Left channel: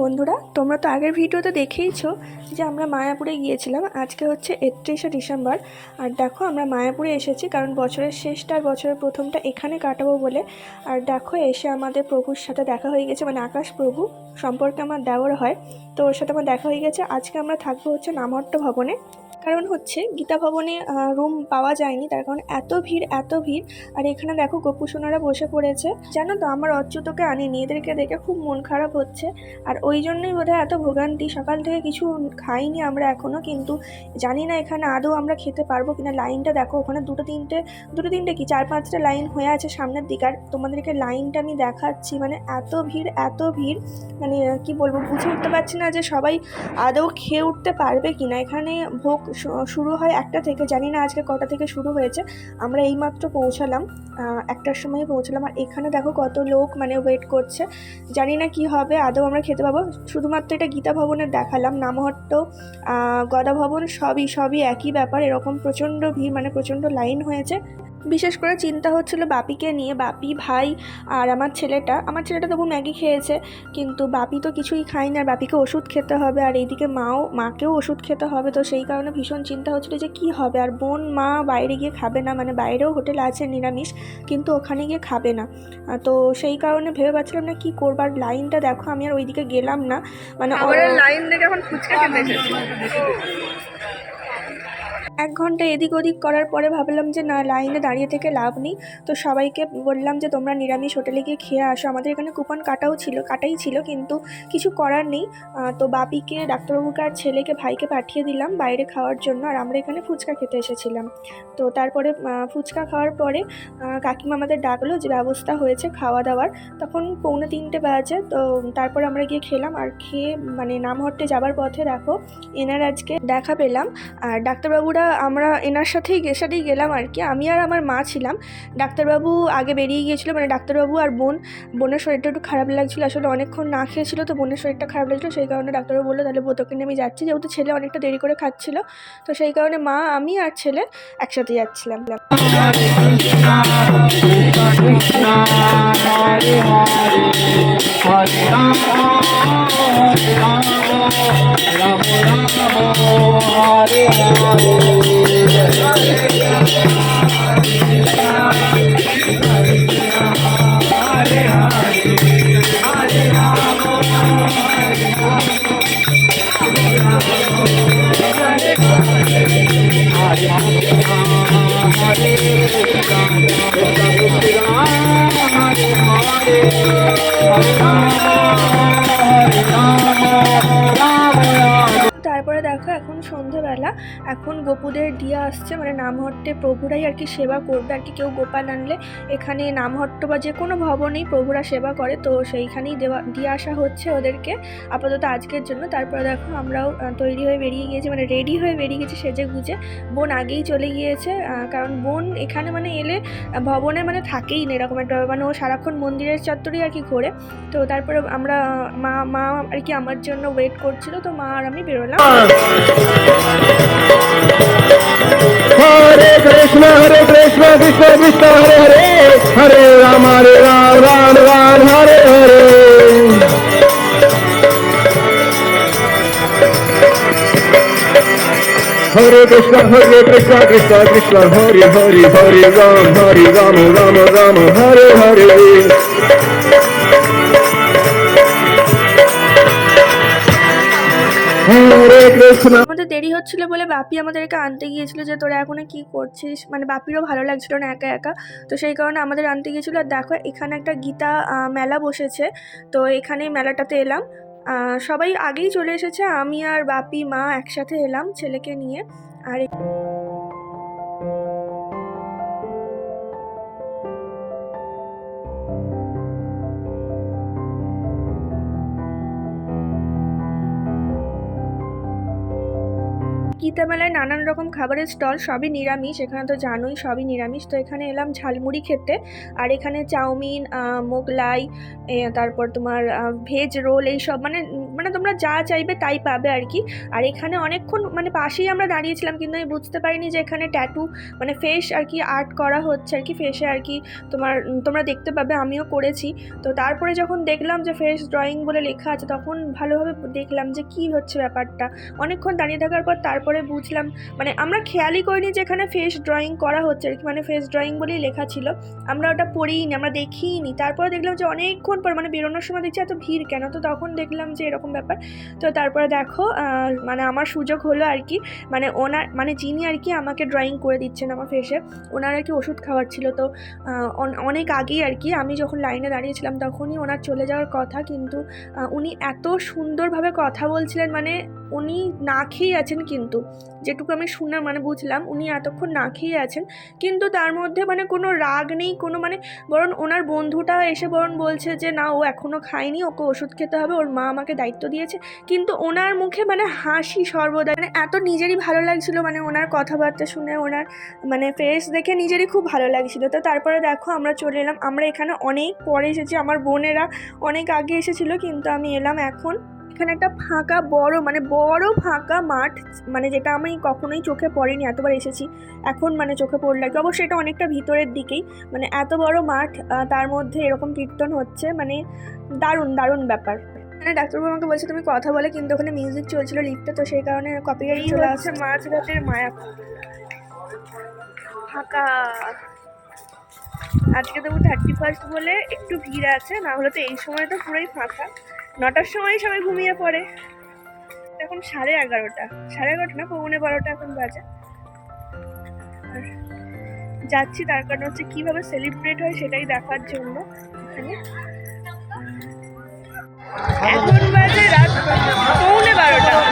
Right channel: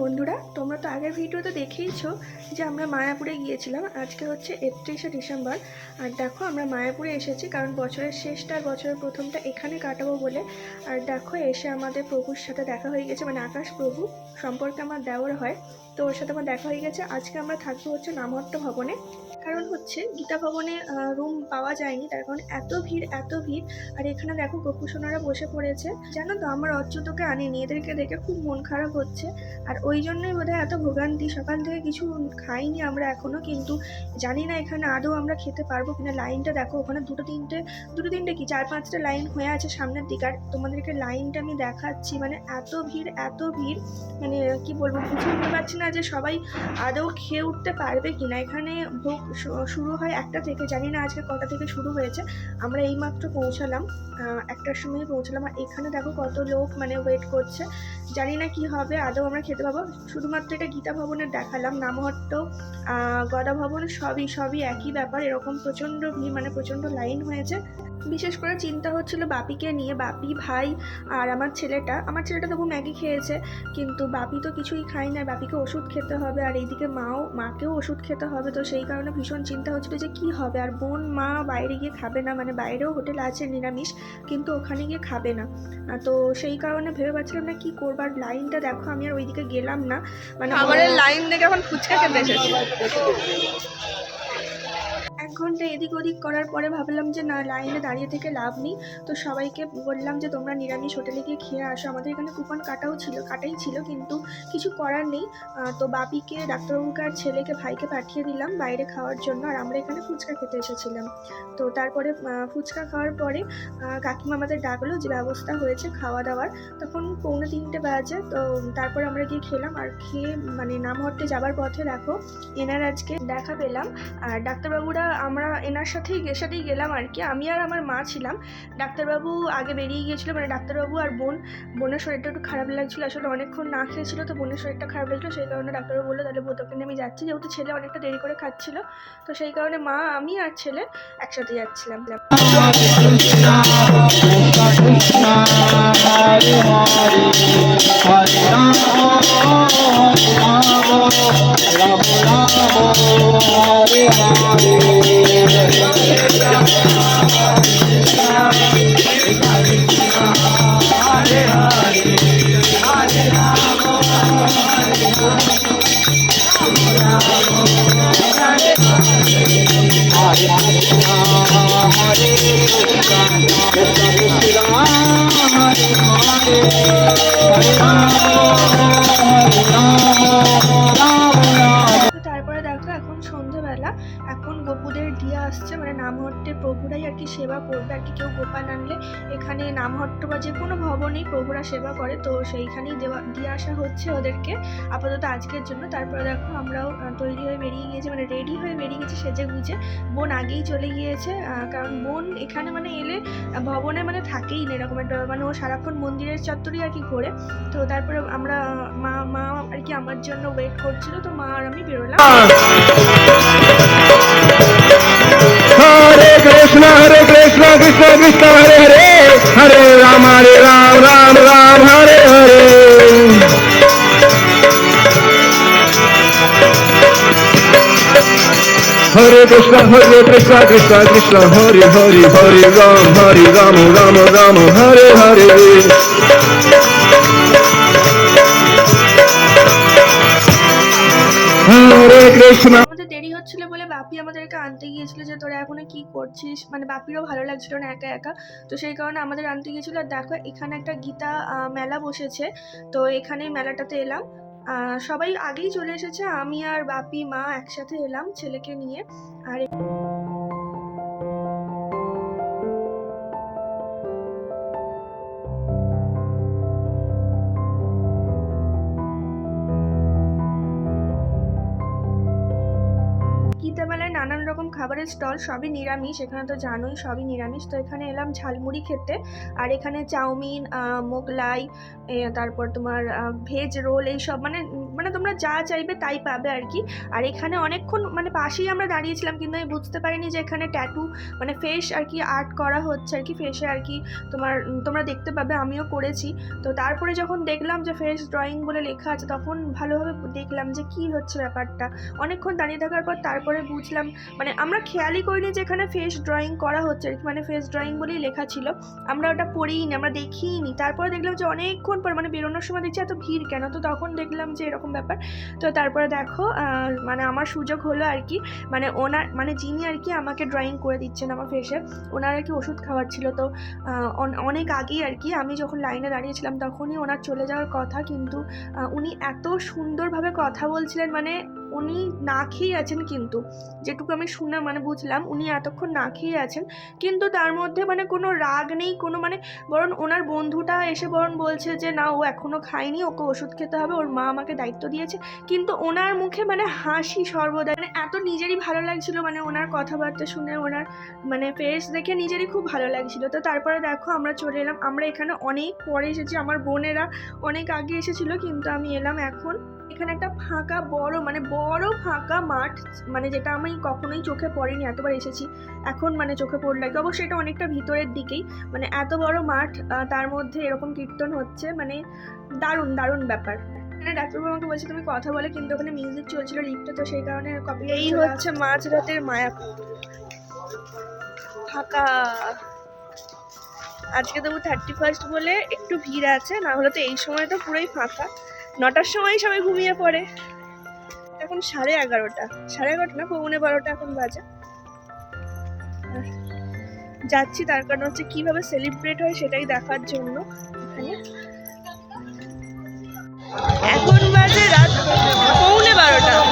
বন্ধুরা, তোমরা তো আগের ভিডিওতে দেখেইছো যে আমরা মায়াপুরে গিয়েছিলাম। আজকে হচ্ছে 31শে ডিসেম্বর। আর দেখো আমরা মায়াপুরে এসেছি, কারণ বছরের শেষটা আর বছরের প্রথমটা এখানে কাটাবো বলে। আর দেখো এসে আমাদের প্রভুর সাথে দেখা হয়ে গেছে, মানে আকাশ প্রভু সম্পর্কে আমার দেওর হয়, তো ওর সাথে আমার দেখা হয়ে গেছে। আজকে আমরা থাকবো হচ্ছে নামহট্ট ভবনে। কারণ হচ্ছে গীতা ভবনে রুম পাওয়া যায়নি, তার কারণ এত ভিড় এত ভিড়। আর এখানে দেখো গোপুসোনারা বসে পড়েছে। জানো তো আমার অচ্যুতকে আনিনি, এদেরকে দেখে খুব মন খারাপ হচ্ছে। আর ওই জন্যই বোধহয় এত ভোগান্তি, সকাল থেকে কিছু খাইনি আমরা এখনও, কিন্তু জানি না এখানে আদৌ আমরা খেতে পারবো কিনা। লাইনটা দেখো, ওখানে দুটো তিনটে কি 4-5টা লাইন হয়ে আছে সামনের দিকে। আর তোমাদেরকে লাইনটা আমি দেখাচ্ছি, মানে এত ভিড় এত ভিড়, মানে কি বলবো, বুঝে উঠতে পারছি না যে সবাই আদৌ খেয়ে উঠতে পারবে কিনা। এখানে ভোগ শুরু হয় 1টা থেকে, জানি না আজকে কটা থেকে শুরু হয়েছে। আমরা এইমাত্র পৌঁছালাম, 1টার সময় পৌঁছালাম। আর এখানে দেখো কত লোক মানে ওয়েট করছে, জানি না কি হবে, আদৌ আমরা খেতে পাবো। শুধুমাত্র এটা গীতা ভবনের দেখালাম, নামহট্ট গদা ভবন সবই একই ব্যাপার। এরকম প্রচণ্ড ভিড়, মানে প্রচণ্ড লাইন হয়েছে। বিশেষ করে চিন্তা হচ্ছিল বাপিকে নিয়ে, বাপি, ভাই আর আমার ছেলেটা তবু ম্যাগি খেয়েছে, কিন্তু বাপি তো কিছুই খায়নি। আর বাপিকে ওষুধ খেতে হবে, আর এইদিকে মাকেও ওষুধ খেতে হবে। তো সেই কারণে ভীষণ চিন্তা হচ্ছিল যে কি হবে। আর বোন মা বাইরে গিয়ে খাবে না, মানে বাইরেও হোটেল আছে নিরামিষ, কিন্তু ওখানে গিয়ে খাবে না। তো সেই কারণে ভেবে পাচ্ছিলাম না কি করবার। লাইনটা দেখো, আমি আর ওইদিকে গেলাম না, মানে খাবারের লাইন দেখে এখন ফুচকা খেতে এসেছি। 1 ঘন্টা এদিক ওদিক করার পরে ভাবলাম যে না, লাইনে দাঁড়িয়ে থেকে লাভ নেই। তো সবাইকে বললাম যে তোমরা নিরামিষ হোটেলে গিয়ে খেয়ে আসো। আমাদের এখানে কুপন কাটাই ছিল, কিন্তু কিছু করার নেই। তো বাপিকে, ডাক্তারবাবুকে আর ছেলেকে, ভাইকে পাঠিয়ে দিলাম বাইরে খাওয়ার জন্য। আর আমরা এখানে ফুচকা খেতে এসেছিলাম। তো তারপরে ফুচকা খাওয়ার পরে কাকিমা আমাদের ডাকলো যে ব্যবস্থা হয়েছে খাওয়া দাওয়ার। তখন 2:45 বাজে। তো তারপরে আমরা গিয়ে খেলাম। আর খেয়ে মানে নামহট্টে যাবার পথে দেখো এনার আজকে দেখা পেলাম। আর ডাক্তারবাবুরা, আমরা এনার সাথেই গেলাম আর কি। আমি আর আমার মা ছিলাম, ডাক্তারবাবু আগে বেরিয়ে গিয়েছিলো। মানে ডাক্তারবাবু আর বোনের শরীরটা একটু খারাপ লাগছিলো, আসলে অনেকক্ষণ না খেয়েছিল, তো বোনের শরীরটা খারাপ লাগছিলো। সেই কারণে ডাক্তারবাবু বললো তাহলে তোকে নিয়ে আমি যাচ্ছি, যেহেতু ছেলে অনেকটা দেরি করে খাচ্ছিলো। তো সেই কারণে মা, আমি আর ছেলে একসাথে যাচ্ছিলাম। তারপরে দেখো এখন সন্ধ্যেবেলা, এখন গোপুদের দিয়া আসছে, মানে নামহট্টে প্রভুরাই আর কি সেবা করবে আর কি। কেউ গোপাল আনলে এখানে নামহট্ট বা যে কোনো ভবনেই প্রভুরা সেবা করে, তো সেইখানেই দিয়ে আসা হচ্ছে ওদেরকে আপাতত আজকের জন্য। তারপরে দেখো আমরাও তৈরি হয়ে বেরিয়ে গিয়েছি, মানে রেডি হয়ে বেরিয়ে গেছি সেজে গুজে। বোন আগেই চলে গিয়েছে, কারণ বোন এখানে মানে এলে ভবনে মানে থাকেই না এরকম একটা, মানে ও সারাক্ষণ মন্দিরের চত্বরই আর কি ঘোরে। তো তারপরে আমরা মা আর কি আমার জন্য ওয়েট করছিল, তো মা আর আমি বেরোলাম। हरे कृष्ण कृष्ण कृष्ण हरे हरे हरे राम राम राम हरे हरे हरे कृष्ण कृष्ण कृष्ण हरे हरे हरे राम राम राम हरे हरे আমাদের দেরি হচ্ছিল বলে বাপি আমাদেরকে আনতে গিয়েছিল, যে তোরা এখনো কি করছিস, মানে বাপিরও ভালো লাগছিল না একা একা, তো সেই কারণে আমাদের আনতে গিয়েছিল। আর দেখো এখানে একটা গীতা মেলা বসেছে, তো এখানেই মেলাটাতে এলাম। সবাই আগেই চলে এসেছে, আমি আর বাপি মা একসাথে এলাম ছেলেকে নিয়ে। আর গীতা মেলায় নানান রকম খাবারের স্টল, সবই নিরামিষ, এখানে তো জানোই সবই নিরামিষ। তো এখানে এলাম ঝালমুড়ি খেতে। আর এখানে চাউমিন, মোগলাই, তারপর তোমার ভেজ রোল, এইসব মানে মানে তোমরা যা চাইবে তাই পাবে আর কি। আর এখানে অনেকক্ষণ মানে পাশেই আমরা দাঁড়িয়েছিলাম, কিন্তু আমি বুঝতে পারিনি যে এখানে ট্যাটু মানে ফেস আর কি আর্ট করা হচ্ছে আর কি, ফেসে আর কি তোমরা দেখতে পাবে, আমিও করেছি। তো তারপরে যখন দেখলাম যে ফেস ড্রয়িং বলে লেখা আছে, তখন ভালোভাবে দেখলাম যে কী হচ্ছে ব্যাপারটা। অনেকক্ষণ দাঁড়িয়ে থাকার পর তারপরে বুঝলাম, মানে আমরা খেয়ালই করিনি যে এখানে ফেস ড্রয়িং করা হচ্ছে আর কি, মানে ফেস ড্রয়িং বলেই লেখা ছিল, আমরা ওটা পড়িনি, আমরা দেখিইনি। তারপরে দেখলাম যে অনেকক্ষণ পর মানে বেরোনোর সময় দেখছি এত ভিড় কেন, তো তখন দেখলাম যে এরকম ব্যাপার। তো তারপরে দেখো মানে আমার সুযোগ হলো আর কি, মানে ওনার মানে যিনি আর কি আমাকে ড্রয়িং করে দিচ্ছেন আমার ফেসে, ওনার আর কি ওষুধ খাওয়ার ছিল। তো অনেক আগেই আর কি আমি যখন লাইনে দাঁড়িয়েছিলাম তখনই ওনার চলে যাওয়ার কথা, কিন্তু উনি এত সুন্দরভাবে কথা বলছিলেন, মানে উনি না খেয়ে আছেন, কিন্তু যেটুকু আমি শুনে মানে বুঝলাম উনি এতক্ষণ না খেয়ে আছেন, কিন্তু তার মধ্যে মানে কোনো রাগ নেই, কোনো মানে বরং ওনার বন্ধুটা এসে বরং বলছে যে না, ও এখনও খায়নি, ওকে ওষুধ খেতে হবে, ওর মা আমাকে দায়িত্ব দিয়েছে, কিন্তু ওনার মুখে মানে হাসি সর্বদা, মানে এত নিজেরই ভালো লাগছিল, মানে ওনার কথাবার্তা শুনে, ওনার মানে ফেস দেখে নিজেরই খুব ভালো লাগছিল। তো তারপরে দেখো আমরা চলে এলাম, আমরা এখানে অনেক পরে এসেছি, আমার বোনেরা অনেক আগে এসেছিলো, কিন্তু আমি এলাম এখন। এখানে একটা ফাঁকা মানে বড় ফাঁকা মাঠ, মানে যেটা আমি কখনোই চোখে পড়েনি, এতবার এসেছি এখন মানে চোখে পড়ল আর কি। অবশ্যই এটা অনেকটা ভিতরের দিকেই, মানে এত বড় মাঠ, তার মধ্যে এরকম কীর্তন হচ্ছে, মানে দারুণ দারুণ ব্যাপার। মানে ডাক্তারবাবু আমাকে বলছে তুমি কথা বলে, কিন্তু ওখানে মিউজিক চলছিল লিফটে, তো সেই কারণে কপিরাইট চলে আসছে। হচ্ছে মাঝরাতের মায়াপুর ফাঁকা, আজকে তবু 31 বলে একটু ভিড় আছে, না হলে তো এই সময় তো পুরোই ফাঁকা। 9টার সময় সবাই ঘুমিয়ে পড়ে, এখন 11:30, 11:30 না 11:45 এখন বাজে। আর যাচ্ছি তার কারণ হচ্ছে কিভাবে সেলিব্রেট হয় সেটাই দেখার জন্য এখানে। এখন বাজে রাত 11:30।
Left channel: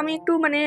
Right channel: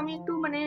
আমি একটু মানে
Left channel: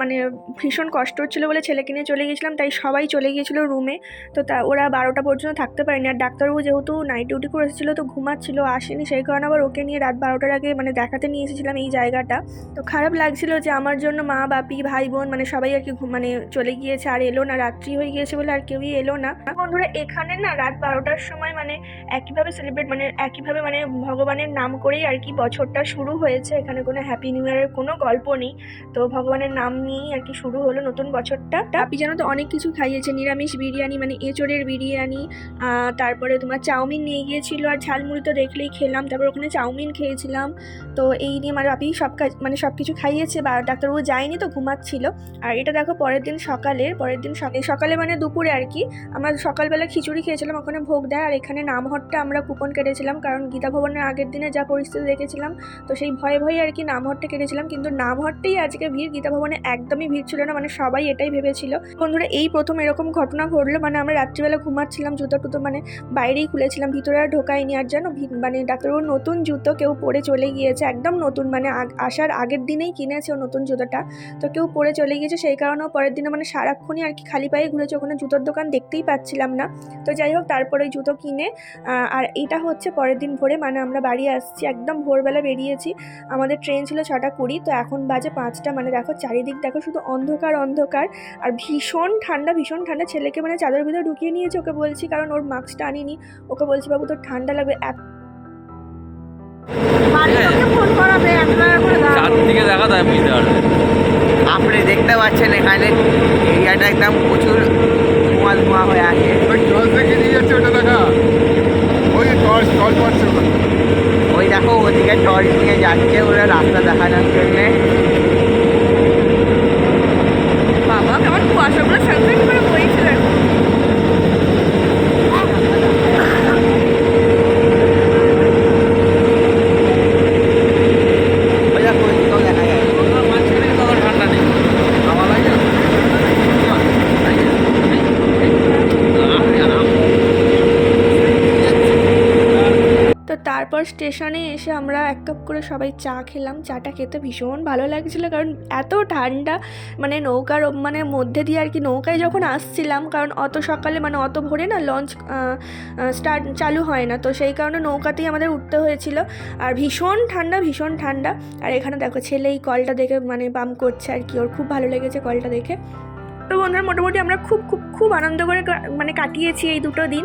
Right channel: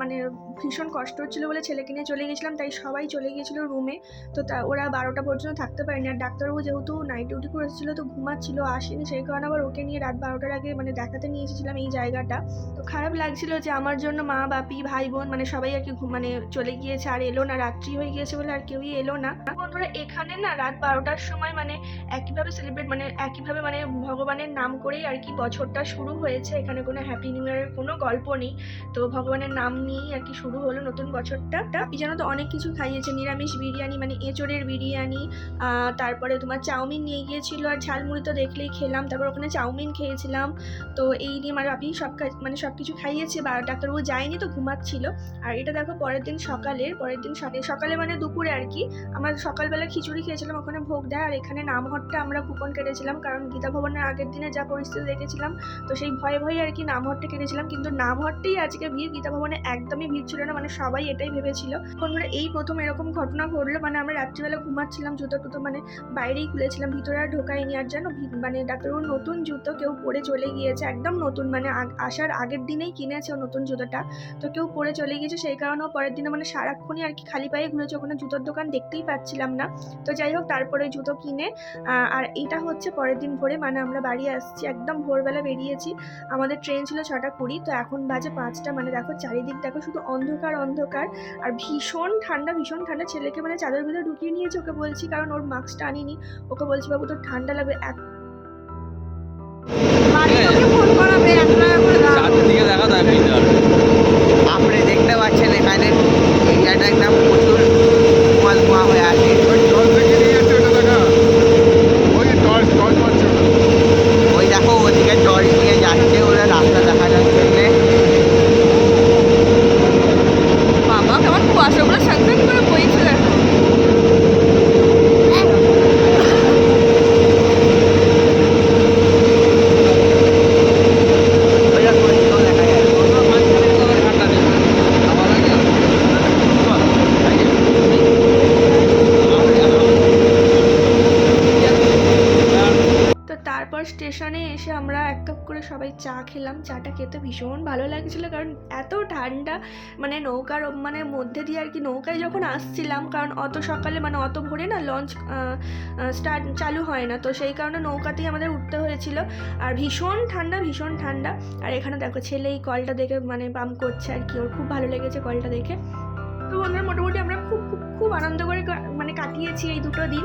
মানে ভীষণ কষ্ট হচ্ছিলো বলে ছেলেকে নিয়ে চলে গেছিলাম, তাই সবাই চলে গিয়েছিলো রুমে। তো ওরা 12টা পর্যন্ত থাকতে পারেনি, আর ডাক্তারবাবু যেহেতু নাইট ডিউটি করে এসেছিলো তো ঘুমাচ্ছিলো, আসেনি, সেই কারণে আবার ওকে নিয়ে রাত 12টার আগে মানে দেখাতে নিয়ে এসেছিলাম এই জায়গাটা। তো খারাপ লাগছিল যে আমার জন্য মা বাপি ভাই বোন মানে সবাই আর কি মানে চলে গিয়েছে, আর এলো না, রাত্রি হয়ে গিয়েছে বলে আর কেউই এলো না। বন্ধুরা এখানে না রাত 12টার সময় মানে একইভাবে সেলিব্রেট মানে একইভাবে মানে ভগবানের নাম করেই আর কি বছরটা শুরু হয়েছে, এখানে কোনো হ্যাপি নিউ ইয়ারের কোনো গল্প নেই, তো ভগবানের নাম নিয়েই আর কি শুরু হলো নতুন বছরটা। আপনি জানো তো অনেক কিছু খাইয়েছে, নিরামিষ বিরিয়ানি মানে এঁচড়ের বিরিয়ানি, তারপরে তোমার চাউমিন নিয়ে গিয়েছিল, আর ঝালমুড়ি তো দেখলেই খেলাম, তারপর ওখানে চাউমিন খেয়েছিলাম। তো এই নিয়ে আমার আপনি মানে সব কিছু খাইয়েছে, বা ডাক্তারবাবু যায়নি তো ঘুমাচ্ছিল। আর এটা দেখো পরের দিন সকালে মানে দুপুরে আর কি আমরা সকালবেলা খিচুড়ি খেয়েছিলাম, ওখানে ভোগ দেয়। আর এখানে নামহট্টা আমরা কুপন কেটেছিলাম, কারণ গীতা ভবনের আগের দিনে যা পরিস্থিতি দেখেছিলাম, তো সেই ভয়ে ভয়ে আর কি নামহট্টা কেটেছিলাম, কিন্তু নামহট্টেই আজকে ভিড়, গীতা ভবনে একদমই ভিড় ছিল না, মানে সবাই এটাই ভেবেছিল। বন্ধুরা এই প্রথম এরকম ঘটনা ঘটলো, মানে আমরা রাত্রিবেলা ঘুমাচ্ছিলাম, জুতো টুতো মানে বাইরেই খুলেছিলাম, ভিতরে আর ঢোকাইনি। আর জানো মানে ডাক্তারবাবুর নতুন জুতো কেউ পরে চলে গিয়েছে, একদম নতুন, মানে আসার আগের দিনেই কিনেছে ও নতুন জুতোটা, তো কেউ পরে চলে গিয়েছে, সেই কারণেও পরের দিনে মানে সারাক্ষণই আর কি খালি পায়ে ঘুরেছে, ওখানে জুতোর দোকান দেখতেই পাচ্ছিলাম না। তো যাই হোক তারপরে ওই জুতো কিনে আর এটা হচ্ছে পরের দিন ভোরে, মানে আমরা বাড়ি আসছি একদম ভোরবেলা বেরিয়েছি, আমাদের ট্রেন ছিল 6:20, তো এখন বাজে 5টা। মানে দেখো চারিদিক দেখো শুধু অন্ধকার অন্ধকার, আর ভীষণ ঠান্ডা ভীষণ ঠান্ডা। ছেলেকে মানে চাদর ভিতরে ঢুকিয়ে নিয়েছে, ওকে বলছি, কারণ ওর মাস্কটা আনিনি, ওকে বলছি বাবু তোর ঠান্ডা লাগবে। চারদিকে দেখা যায় বুঝতে পারবে। আপনি দেখতে পাচ্ছেন এখানে এরিয়াটা একদম প্রচুর ধোঁয়া ধোঁয়া হয়ে আছে। ওই দেখো ওদিকে টর্চ নিয়ে যাচ্ছে ওরা রাস্তা দেখানোর জন্যে। বাবা কেমন কুয়াশাগুলো সাথে করে বইছে দেখো। তারপর স্টেশনে এসে আমরা এক কাপ করে সবাই চা খেলাম। চাটা খেতে ভীষণ ভালো লাগছিলো, কারণ এত ঠান্ডা, মানে নৌকার মানে মধ্যে দিয়ে আর কি নৌকায় যখন আসছিলাম, কারণ অত সকালে মানে অত ভোরে না লঞ্চ চালু হয় না, তো সেই কারণে নৌকাতেই আমাদের উঠতে হয়েছিল। আর ভীষণ ঠান্ডা ভীষণ ঠান্ডা। আর এখানে দেখো ছেলে এই কলটা দেখে মানে পাম্প করছে আর কি, ওর খুব ভালো লেগেছে কলটা দেখে। তো বন্ধুরা মোটামুটি আমরা খুব আনন্দ করে মানে কাটিয়েছি এই দুটো দিন,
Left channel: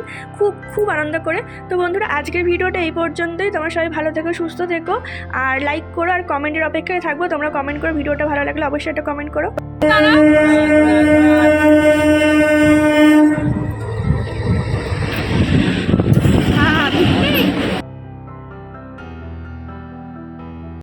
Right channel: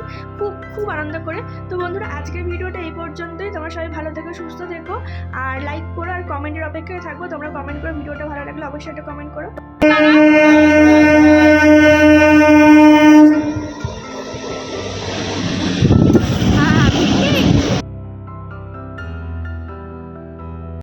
খুব আনন্দ করে। তো বন্ধুরা আজকের ভিডিওটা এই পর্যন্তই। তোমরা সবাই ভালো থেকো, সুস্থ থেকো, আর লাইক করো, আর কমেন্টের অপেক্ষায় থাকবো। তোমরা কমেন্ট করো, ভিডিওটা ভালো লাগলে অবশ্যই একটা কমেন্ট করো।